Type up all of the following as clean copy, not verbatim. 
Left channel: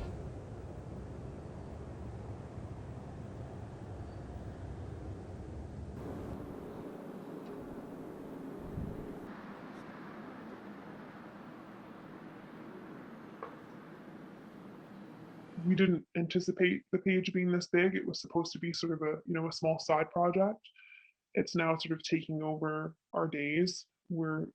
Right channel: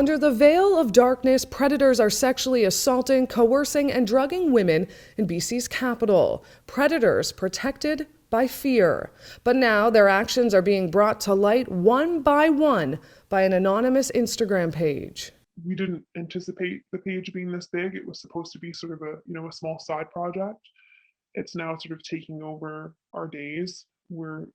Under the veil of darkness, predators are sexually assaulting, coercing, and drugging women in BC's capital. Predators protected by fear. But now their actions are being brought to light one by an anonymous Instagram page. We didn't anticipate the page being this big. It was supposed to be sort of a small side project. It's now sort of taking over our days. We're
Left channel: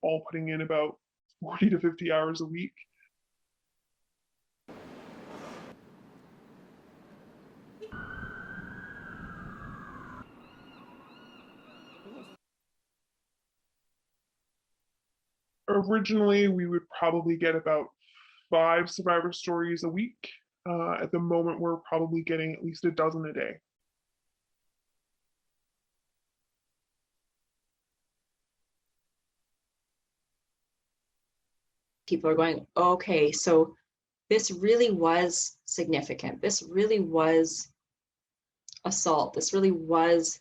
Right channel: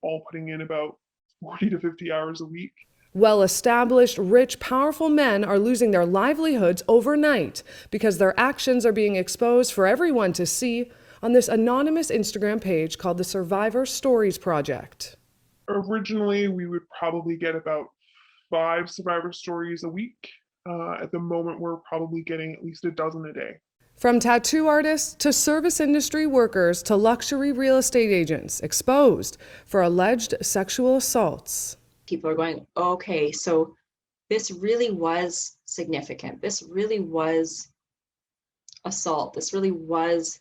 all putting in about 40 to 50 hours a week. Well-established, rich, powerful men are losing their livelihoods overnight because their actions are being exposed for everyone to see on this anonymous Instagram page called the Survivor Stories Project. Originally, we would probably get about 5 survivor stories a week. At the moment, we're probably getting at least a dozen a day. From tattoo artists to service industry workers to luxury real estate agents exposed for alleged sexual assaults. People are going, okay, so this really was significant. This really was assault. This really was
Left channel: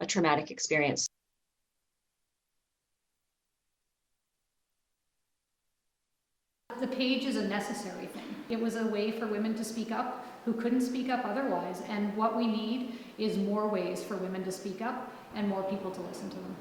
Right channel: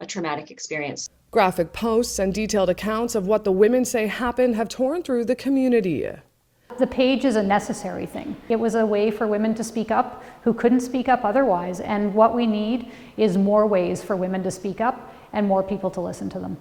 a traumatic experience. Graphic posts and detailed accounts of what the women say happened have torn through the community. The page is a necessary thing. It was a way for women to speak up who couldn't speak up otherwise. And what we need is more ways for women to speak up and more people to listen to them.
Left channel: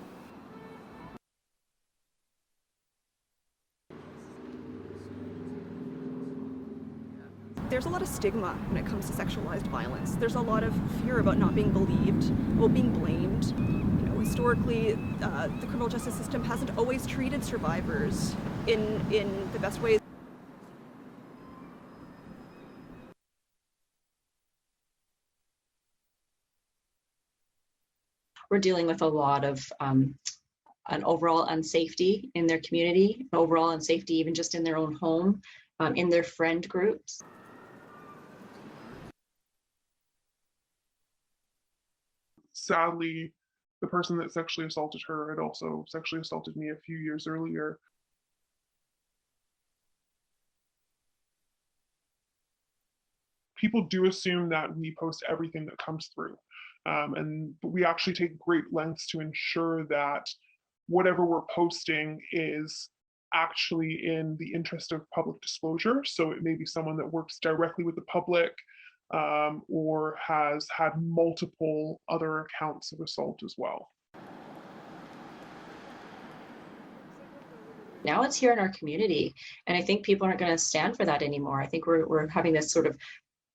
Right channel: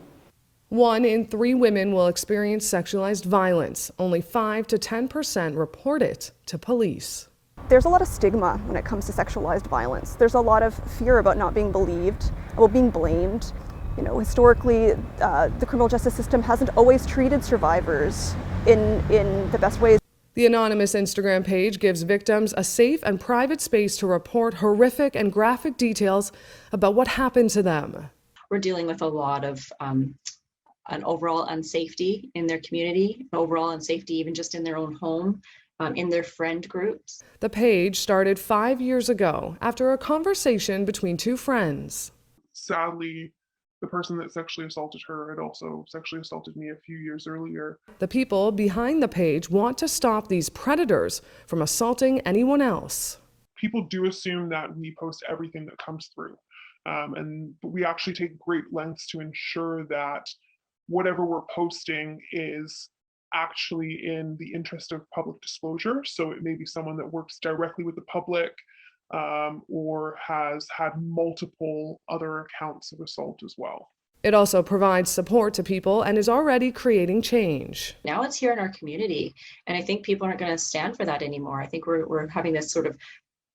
1 in 3 women will experience sexualized violence. Only 5 to 10% report it to police. There's a lot of stigma when it comes to sexualized violence. There's a lot of fear about not being believed, about being blamed. You know, historically, the criminal justice system hasn't always treated survivors in the best ways. The anonymous Instagram page gives victims a safe and private space to report horrific and graphic details about what happened to them. We're dealing with a lot of an overall unsafety in their community, overall unsafety even just in their own home, in their friend groups. The page started 5 years ago after a conversation between 2 friends. Sadly, the person that sexually assaulted her had also sexually assaulted me a few years earlier. The people behind the page want to stop these predators from assaulting anyone else. People do assume that we post everything that comes through. And we actually take great lengths to ensure that whatever we're posting is actually in the interest of public disclosure. So it may be someone that works directly with the public or has had multiple other accounts of assault as well. It also provides support to people and is already creating change. Now it's here in our community, and I think people aren't going to stand for that anymore. I think we're having this sort of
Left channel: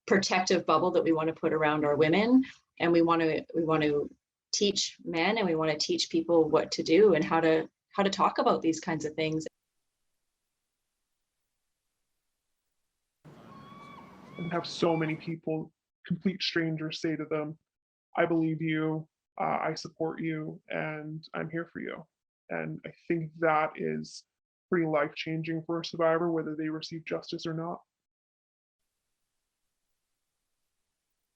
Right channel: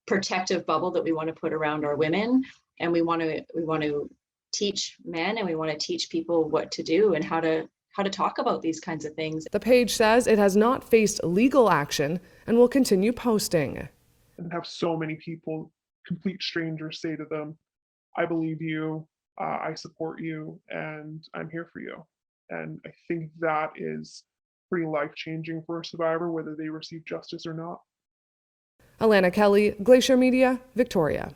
protective bubble that we want to put around our women, and we want to teach men and we want to teach people what to do and how to talk about these kinds of things. The page says it has not faced legal action and will continue posting. And have so many people, complete strangers, say to them, I believe you, I support you, and I'm here for you. And I think that is pretty life-changing for a survivor, whether they receive justice or not. Alana Kelly, Glacier Media, Victoria.